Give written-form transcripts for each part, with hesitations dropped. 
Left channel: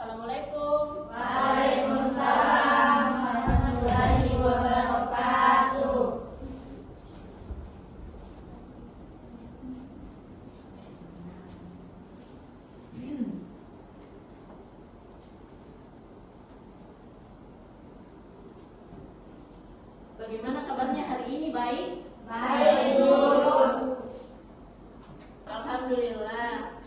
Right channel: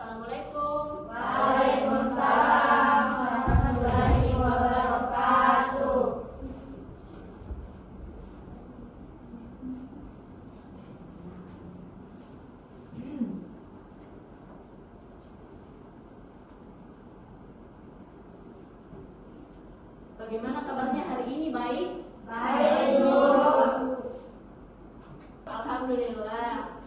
Assalamualaikum. Waalaikumsalam warahmatullahi wabarakatuh. Bagaimana kabarnya hari ini? Baik? Baik, Bu. Alhamdulillah.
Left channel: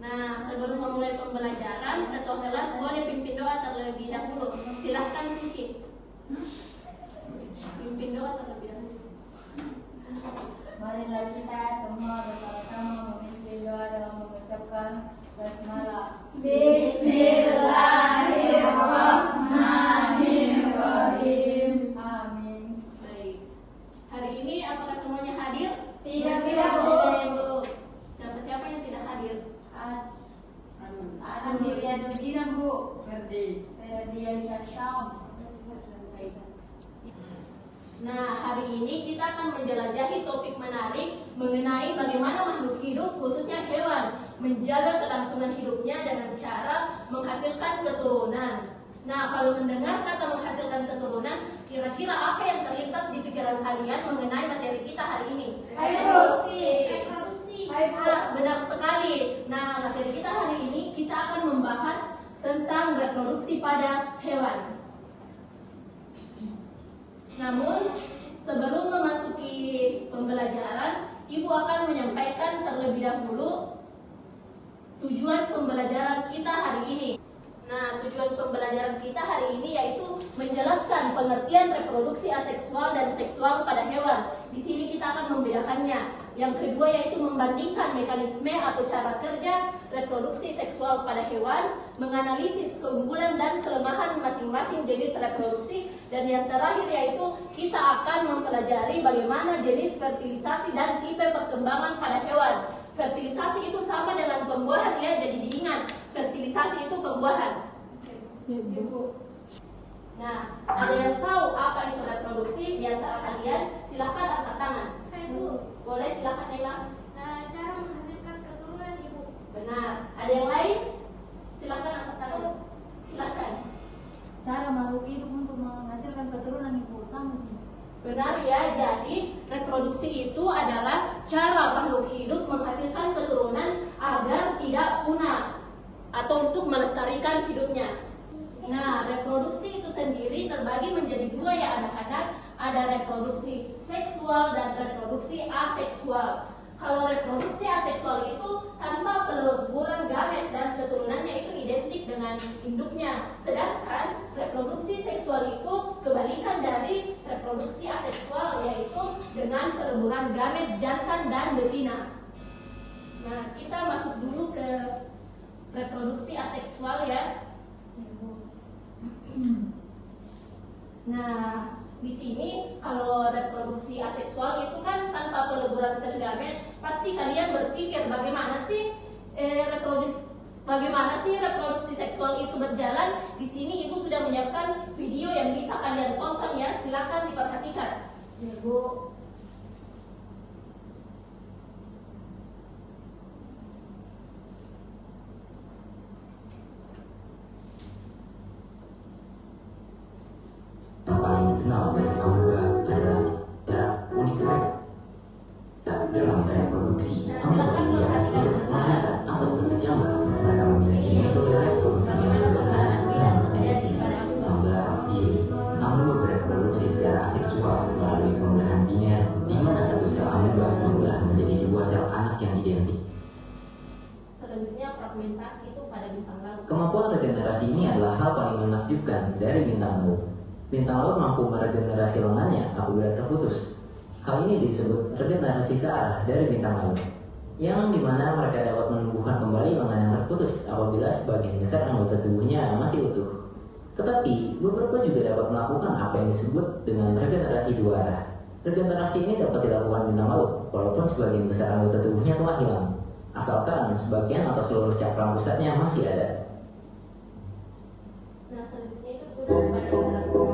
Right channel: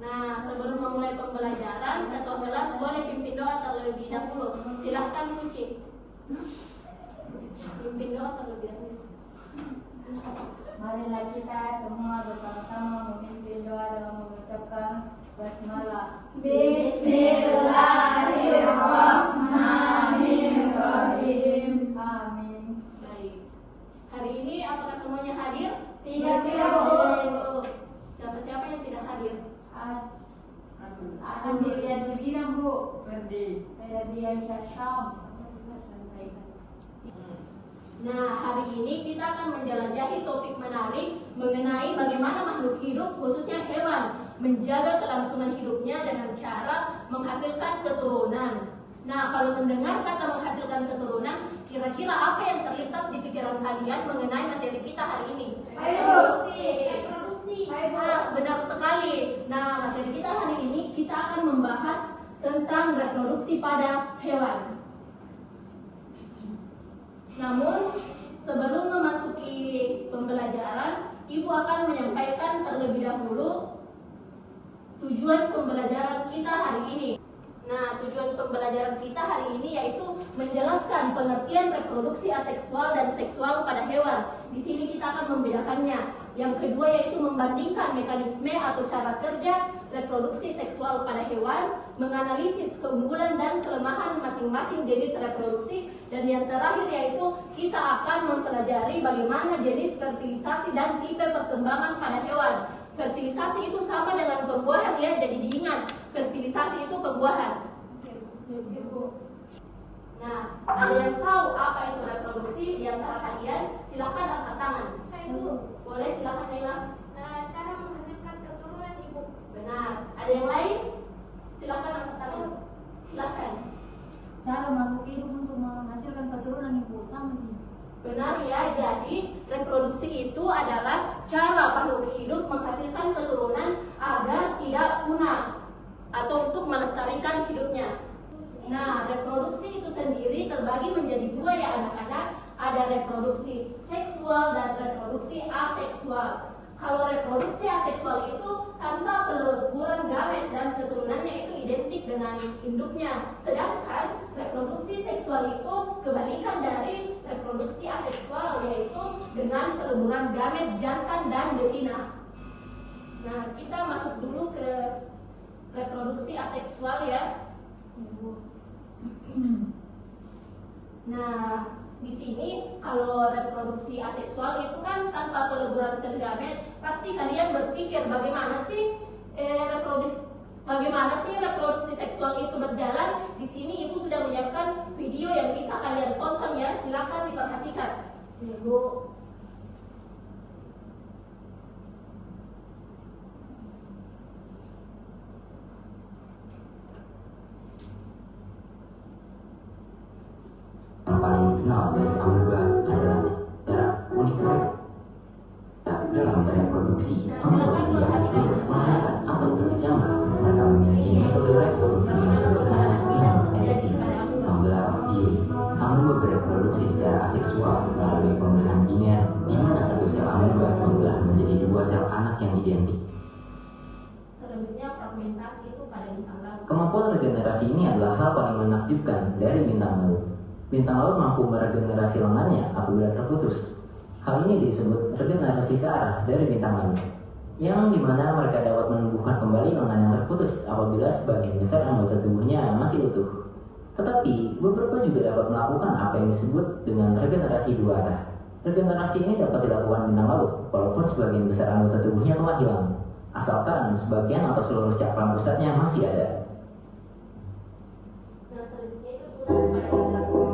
Nah, sebelum memulai pembelajaran atau kelas, boleh pimpin doa terlebih dahulu. Silahkan Suci. Pimpin doa terlebih dahulu. Marilah kita semua bersama-sama memimpin doa dalam mengucapkan basmalah. Bismillahirrahmanirrahim. Amin. Baik. Hari ini apakah semuanya hadir? Tidak, Bu. Siapa-siapa yang tidak hadir? Ada Dirian Bujinam, Bu. Ferdian Syam. Nah, hari ini kita akan menjelajahi topik menarik mengenai bagaimana makhluk hidup, khususnya hewan, menjaga kelangsungan hidupnya dengan cara menghasilkan keturunan. Nah, kalau mendengar kata menghasilkan keturunan, kira-kira apa yang terlintas di pikiran kalian mengenai materi kita hari ini? Reproduksi. Nah, benar sekali. Nah, materi kita hari ini kita akan membahas tentang reproduksi pada hewan. Namun, sebelum memasuki pembelajaran, Ibu akan menyampaikan terlebih dahulu tujuan pembelajaran kita hari ini. Nah, tujuan pembelajaran kita hari ini yaitu menjelaskan pengertian reproduksi aseksual dan seksual pada hewan. Di sini kita akan membedakannya. Yang kedua yaitu membandingkan mekanisme atau cara kerja reproduksi seksual pada hewan, menganalisis keunggulan dan kelemahan masing-masing jenis reproduksi, dan yang terakhir yaitu kita akan mempelajari bagaimana jenis fertilisasi dan tipe perkembangan pada hewan. Fertilisasi itu sama dengan pembuahan ya, jadi diingat, fertilisasi itu pembuahan. Nah, kalian tahu apa itu reproduksi? Di antara kalian, silakan angkat tangan. Saya, Bu. Boleh, silakan Laila. Cara menghasilkan keturunan, Ibu. Benar. Ada yang lain? Silakan angkat tangan. Silakan. Cara makhluk hidup untuk menghasilkan keturunan, Ibu, sama sih. Benar ya, jadi reproduksi itu adalah cara makhluk hidup menghasilkan keturunan agar tidak punah atau untuk melestarikan hidupnya. Nah, reproduksi itu sendiri terbagi menjadi dua ya anak-anak. Ada reproduksi seksual dan reproduksi aseksual. Kalau reproduksi aseksual itu tanpa peleburan gamet dan keturunannya itu identik dengan induknya. Sedangkan reproduksi seksual itu kebalikan dari reproduksi aseksual, yaitu dengan peleburan gamet jantan dan betina. Nah, kita masuk dulu ke reproduksi aseksual ya. Nah, di sini kalau reproduksi aseksual itu kan tanpa peleburan sel gamet, pasti kalian berpikir bagaimana sih reproduksi seksual itu berjalan. Di sini Ibu sudah menyiapkan video yang bisa kalian tonton ya, silakan diperhatikan. Ibu. Kenal dari amoeba adalah cara unik mereka. Dalam reproduksi, amoeba yang melahirkan atau berkecambah, mereka memiliki metode reproduksi yang berbeda dan efektif. Beberapa diri, amoeba bereproduksi secara aseksual melalui pembelahan biner, di mana satu sel amoeba berubah menjadi dua sel anak yang identik. Selanjutnya fragmentasi itu pada bintang laut. Kemampuan regenerasi ini adalah hal paling menakjubkan dari bintang laut. Bintang laut mampu meregenerasi lengannya apabila terputus. Hal ini disebut regenerasi searah dari bintang laut, yang dimana mereka dapat menumbuhkan kembali lengan yang terputus apabila sebagian besar anggota tubuhnya masih utuh. Tetapi, beberapa juga dapat melakukan apa yang disebut dengan regenerasi dua arah. Regenerasi ini dapat dilakukan bintang laut, walaupun sebagian besar anggota tubuhnya telah hilang, asalkan sebagian atau seluruh cakram pusatnya masih ada. Nah, selanjutnya itu tunas pada bintang laut.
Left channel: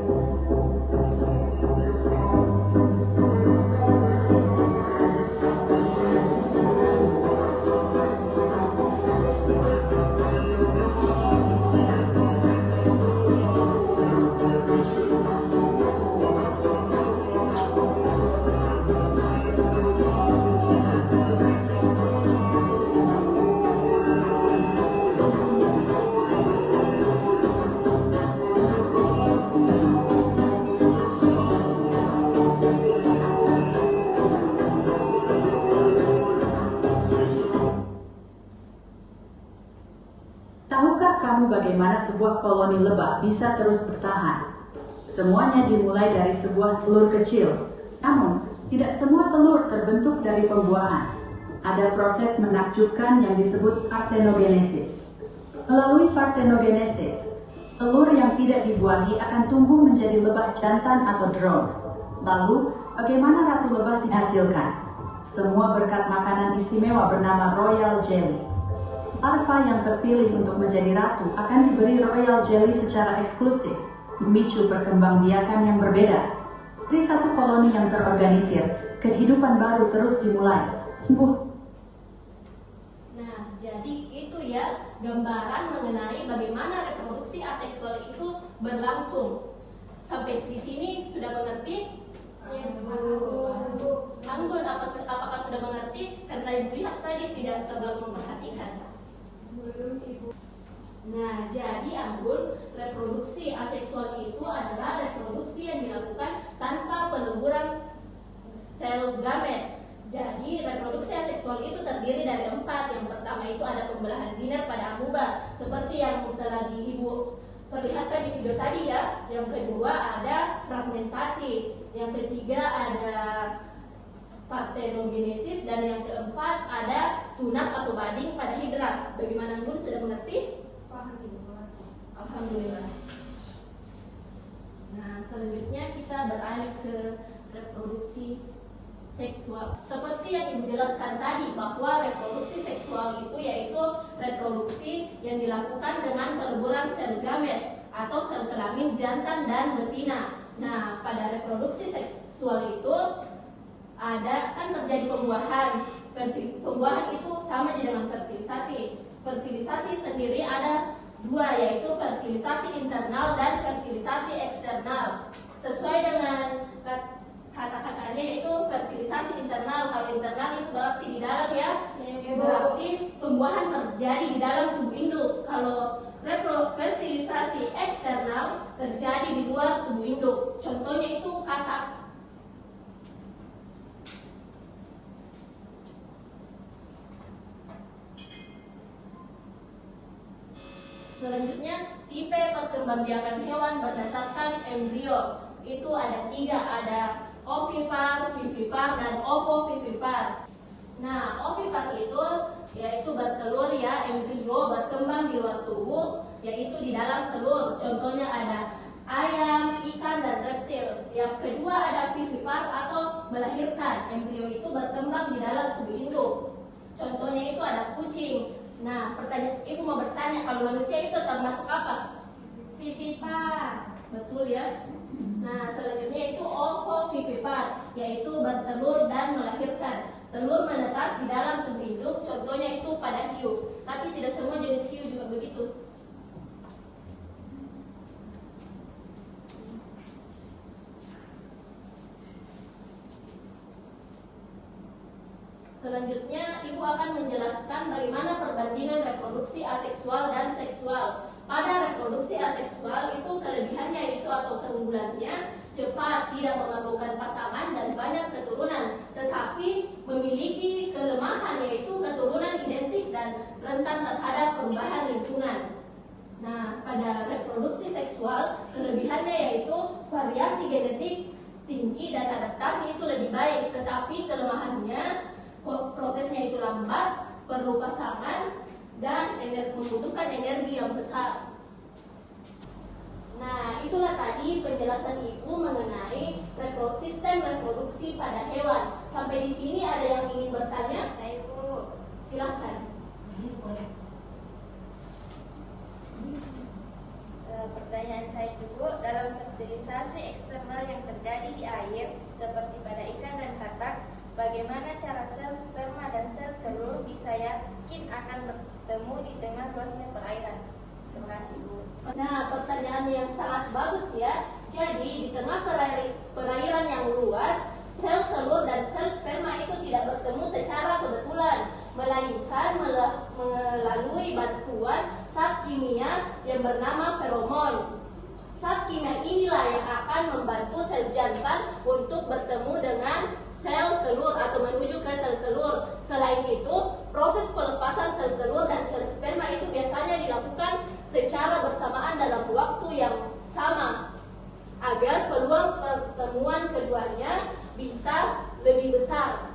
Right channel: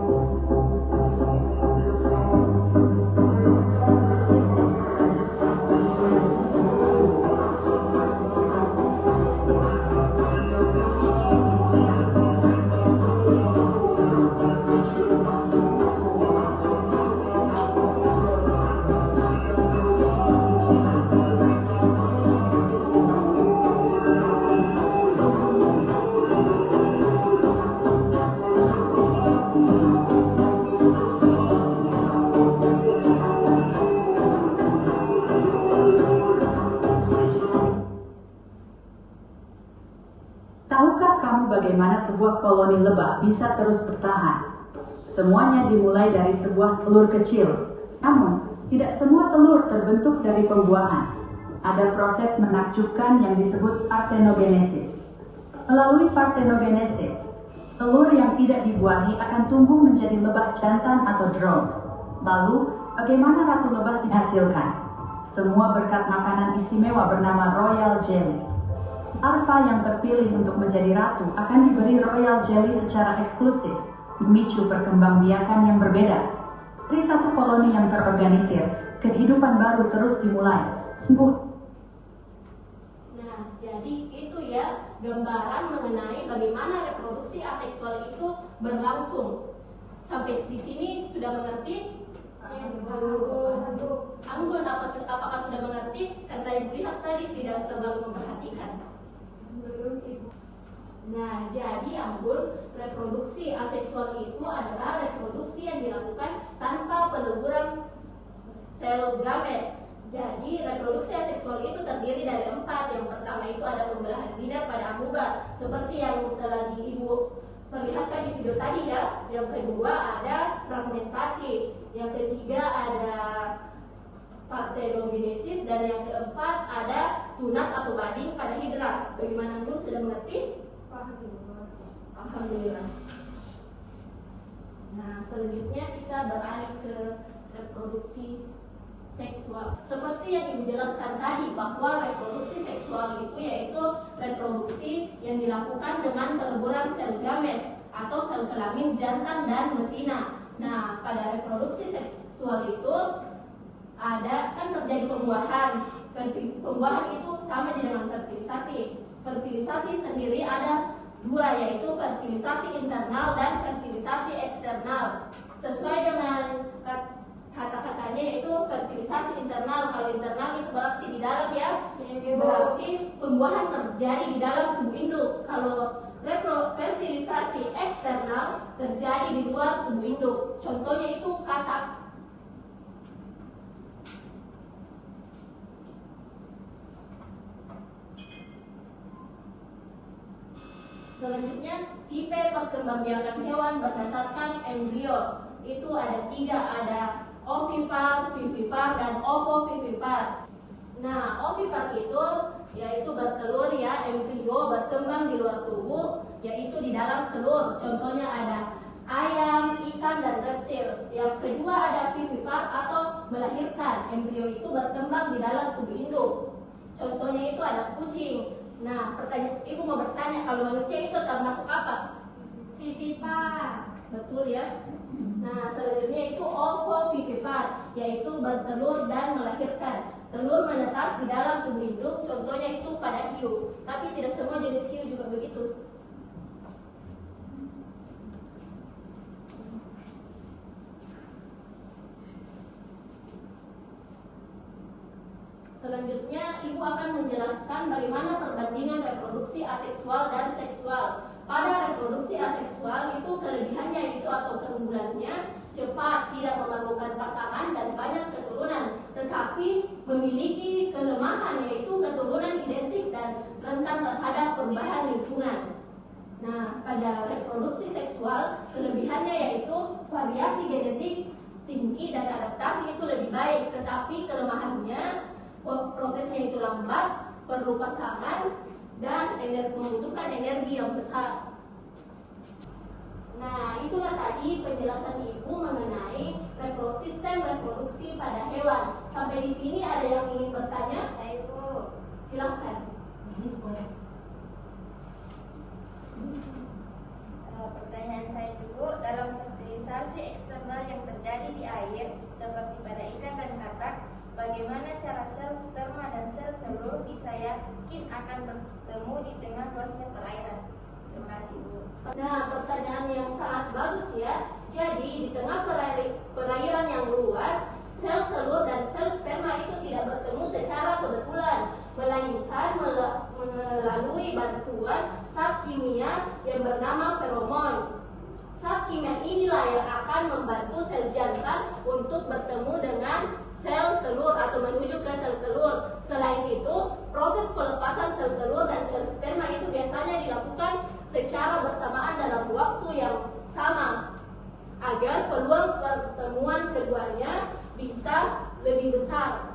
tahu bagaimana sebuah koloni lebah bisa terus bertahan. Semuanya dimulai dari sebuah telur kecil. Namun, tidak semua telur terbentuk dari pembuahan. Ada proses menakjubkan yang disebut partenogenesis. Melalui partenogenesis, telur yang tidak dibuahi akan tumbuh menjadi lebah jantan atau drone. Lalu, bagaimana ratu lebah dihasilkan? Semua berkat makanan istimewa bernama royal jelly. Larva yang terpilih untuk menjadi ratu akan diberi royal jelly secara eksklusif, memicu perkembangbiakan yang berbeda. Dari satu koloni yang terorganisir, kehidupan baru terus dimulai. Nah, jadi itu ya gambaran mengenai bagaimana reproduksi aseksual itu berlangsung. Sampai di sini sudah mengerti? Anggun, apakah sudah mengerti? Karena Ibu lihat tadi tidak terlalu memperhatikan. Nah, jadi Anggun, reproduksi aseksual itu adalah reproduksi yang dilakukan tanpa peleburan sel gamet. Jadi reproduksi aseksual itu terdiri dari 4. Yang pertama itu ada pembelahan biner pada amuba, seperti yang telah Ibu perlihatkan di video tadi ya. Yang kedua ada fragmentasi. Yang ketiga ada partenogenesis, dan yang keempat ada tunas atau bading pada hidra. Bagaimana Anggun, sudah mengerti? Alhamdulillah. Nah, selanjutnya kita beralih ke reproduksi seksual. Seperti yang Ibu jelaskan tadi, bahwa reproduksi seksual itu yaitu reproduksi yang dilakukan dengan peleburan sel gamet atau sel kelamin jantan dan betina. Nah, pada reproduksi seksual itu ada kan terjadi pembuahan. Pembuahan itu sama dengan fertilisasi. Fertilisasi sendiri ada 2, yaitu fertilisasi internal dan fertilisasi eksternal. Sesuai dengan kata-katanya yaitu fertilisasi internal. Kalau internal itu berarti di dalam ya, berarti pembuahan terjadi di dalam tubuh induk. Kalau fertilisasi eksternal terjadi di luar tubuh induk. Contohnya itu katak. Selanjutnya, tipe perkembangbiakan hewan berdasarkan embrio. Itu ada 3, ada ovipar, vivipar, dan ovovivipar. Nah, ovipar itu yaitu bertelur ya, embrio berkembang di luar tubuh, yaitu di dalam telur. Contohnya ada ayam, ikan, dan reptil. Yang kedua ada vivipar atau melahirkan. Embrio itu berkembang di dalam tubuh induk. Contohnya itu ada kucing. Nah, Ibu mau bertanya, kalau manusia itu termasuk apa? Vivipar. Betul ya. Nah, selanjutnya itu ovovivipar, yaitu bertelur dan melahirkan. Telur menetas di dalam tubuh induk, contohnya itu pada hiu. Tapi tidak semua jenis hiu juga begitu. Selanjutnya, Ibu akan menjelaskan bagaimana perbandingan reproduksi aseksual dan seksual. Pada reproduksi aseksual itu kelebihannya itu atau keunggulannya cepat, tidak menggabungkan pasangan dan banyak keturunan, tetapi memiliki kelemahan yaitu keturunan identik dan rentan terhadap perubahan lingkungan. Nah, pada reproduksi seksual kelebihannya yaitu variasi genetik tinggi dan adaptasi itu lebih baik, tetapi kelemahannya prosesnya itu lambat, perlu pasangan, dan membutuhkan energi yang besar. Nah, itulah tadi penjelasan Ibu mengenai sistem reproduksi pada hewan. Sampai di sini ada yang ingin bertanya? Ibu, silakan. Pertanyaan saya dulu, dalam fertilisasi eksternal yang terjadi di air seperti pada ikan dan katak, bagaimana cara sel sperma dan sel telur bisa yakin akan bertemu di tengah luasnya perairan? Terima kasih, Bu. Nah, pertanyaan yang sangat bagus ya. Jadi di tengah perairan yang luas, sel telur dan sel sperma itu tidak bertemu secara kebetulan, melainkan melalui bantuan zat kimia yang bernama feromon. Zat kimia inilah yang akan membantu sel jantan untuk bertemu dengan sel telur atau menuju ke sel telur. Selain itu, proses pelepasan sel sel telur dan sel sperma itu biasanya dilakukan secara bersamaan dalam waktu yang sama agar peluang pertemuan keduanya bisa lebih besar.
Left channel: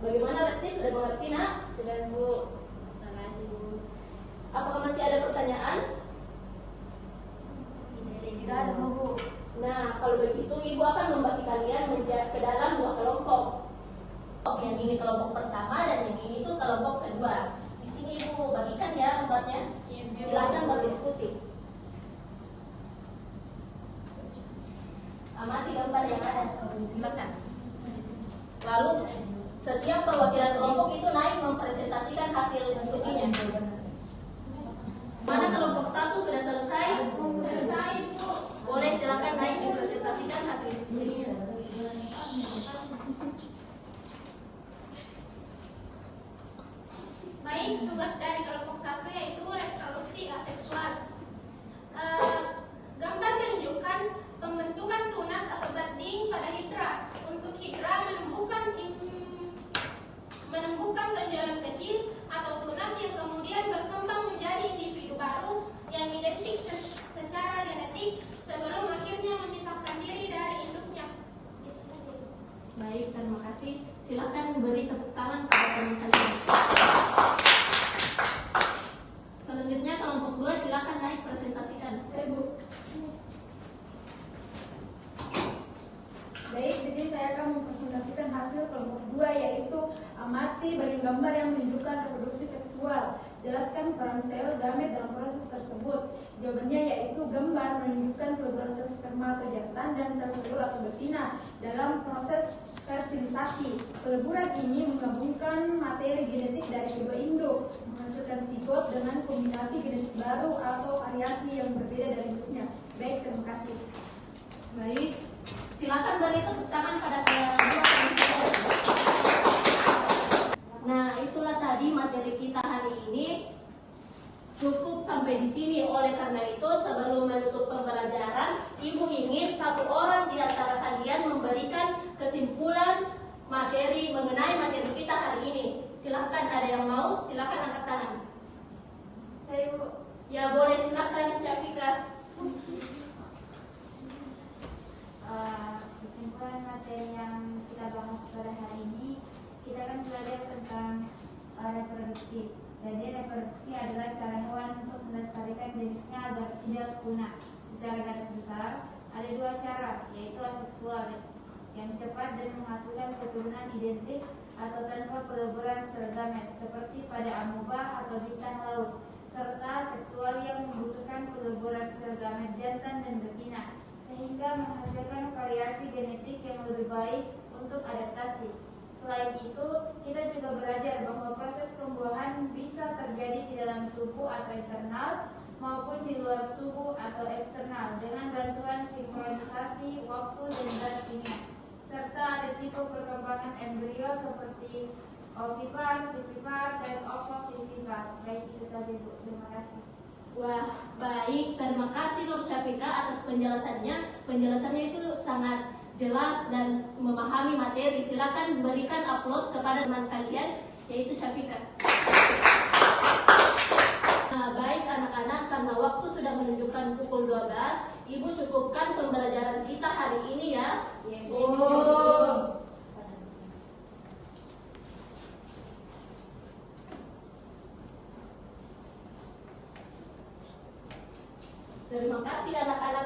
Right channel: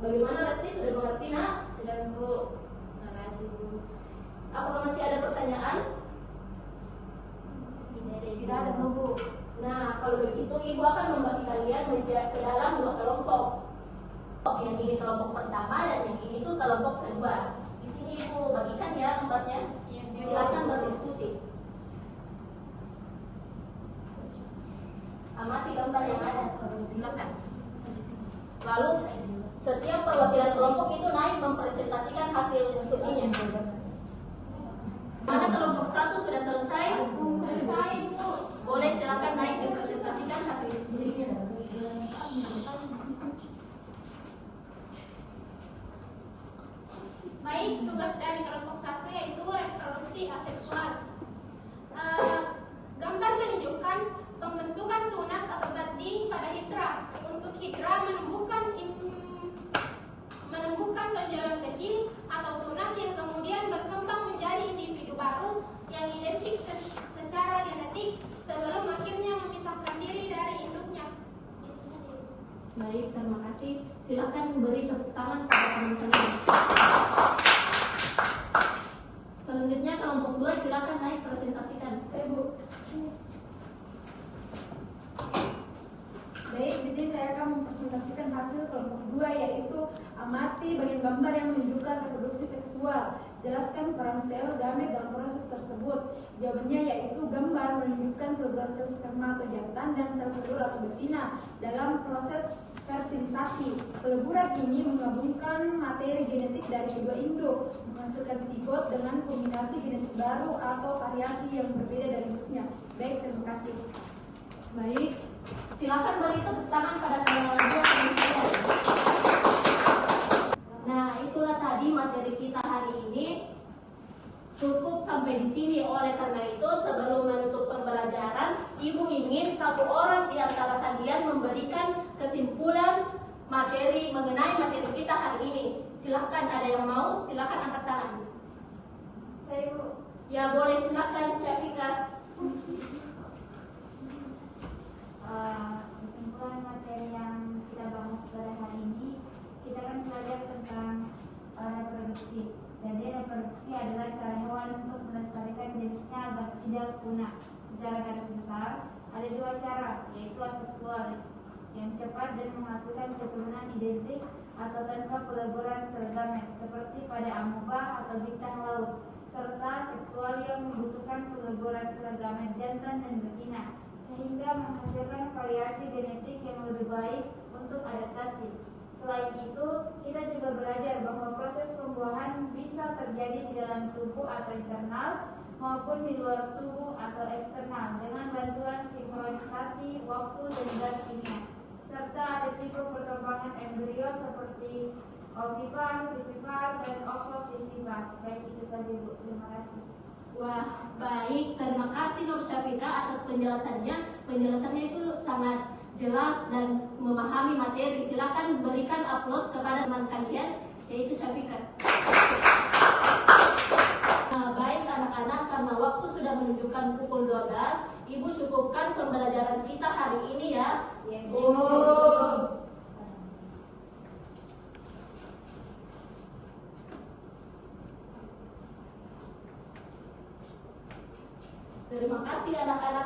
Bagaimana Resti, sudah mengerti nak? Sudah Bu. Makasih Bu. Apakah masih ada pertanyaan? Tidak ada Bu. Nah, kalau begitu Ibu akan membagi kalian ke dalam 2 kelompok. Yang ini kelompok pertama dan yang ini tuh kelompok kedua. Di sini Ibu bagikan ya tempatnya. Silakan berdiskusi. Amati gambar yang ada. Silakan. Lalu setiap perwakilan kelompok itu naik mempresentasikan hasil diskusinya. Mana kelompok 1 sudah selesai? Selesai Bu. Boleh silakan naik dipresentasikan hasil diskusinya. Baik, tugas dari kelompok 1 yaitu reproduksi aseksual. Gambar menunjukkan pembentukan tunas atau budding pada hidra. Untuk hidra menumbuhkan tonjolan kecil atau tunas yang kemudian berkembang menjadi individu baru yang identik secara genetik sebelum akhirnya memisahkan diri dari induknya. Baik, terima kasih. Silakan beri tepuk tangan pada teman-teman. Selanjutnya kelompok 2 silakan naik presentasikan. Bu. Baik, di sini saya akan mempresentasikan hasil kelompok 2 yaitu amati bagian gambar yang menunjukkan reproduksi seksual. Jelaskan peran sel gamet dalam proses tersebut. Jawabannya yaitu gambar menunjukkan peleburan sel sperma atau jantan dan sel telur atau betina dalam proses fertilisasi. Peleburan ini menggabungkan materi genetik dari kedua induk, menghasilkan zigot dengan kombinasi genetik baru atau variasi yang berbeda dari induknya. Baik, terima kasih. Baik, silakan beri tepuk tangan pada kalian berdua. Nah, itulah tadi materi kita hari ini. Cukup sampai di sini. Oleh karena itu, sebelum menutup pembelajaran, Ibu ingin satu orang di antara kalian memberikan kesimpulan mengenai materi kita hari ini. Silahkan, ada yang mau? Silahkan angkat tangan. Saya Bu. Ya boleh, silahkan Syafika. Kesimpulan materi yang kita bahas pada hari ini, kita akan belajar tentang reproduksi. Jadi reproduksi adalah cara hewan untuk melestarikan jenisnya agar tidak punah. Secara garis besar, ada 2 cara, yaitu aseksual yang cepat dan menghasilkan keturunan identik atau tanpa peleburan sel gamet seperti pada amoeba atau bintang laut, serta seksual yang membutuhkan peleburan sel gamet jantan dan betina sehingga menghasilkan variasi genetik yang lebih baik untuk adaptasi. Selain itu, kita juga belajar bahwa proses pembuahan bisa terjadi di dalam tubuh atau internal maupun di luar tubuh atau eksternal dengan bantuan sinkronisasi waktu dan zat kimia. Serta ada tipe perkembangan embrio seperti ovipar, vivipar, dan ovovivivar. Baik, itu saja Bu. Terima kasih. Wah, baik. Terima kasih Nur Syafika atas penjelasannya. Penjelasannya itu sangat jelas dan memahami materi. Silakan berikan aplaus kepada teman kalian, yaitu Syafika. Nah, baik anak-anak, karena waktu sudah menunjukkan pukul 12, Ibu cukupkan pembelajaran kita hari ini ya. Terima kasih anak-anak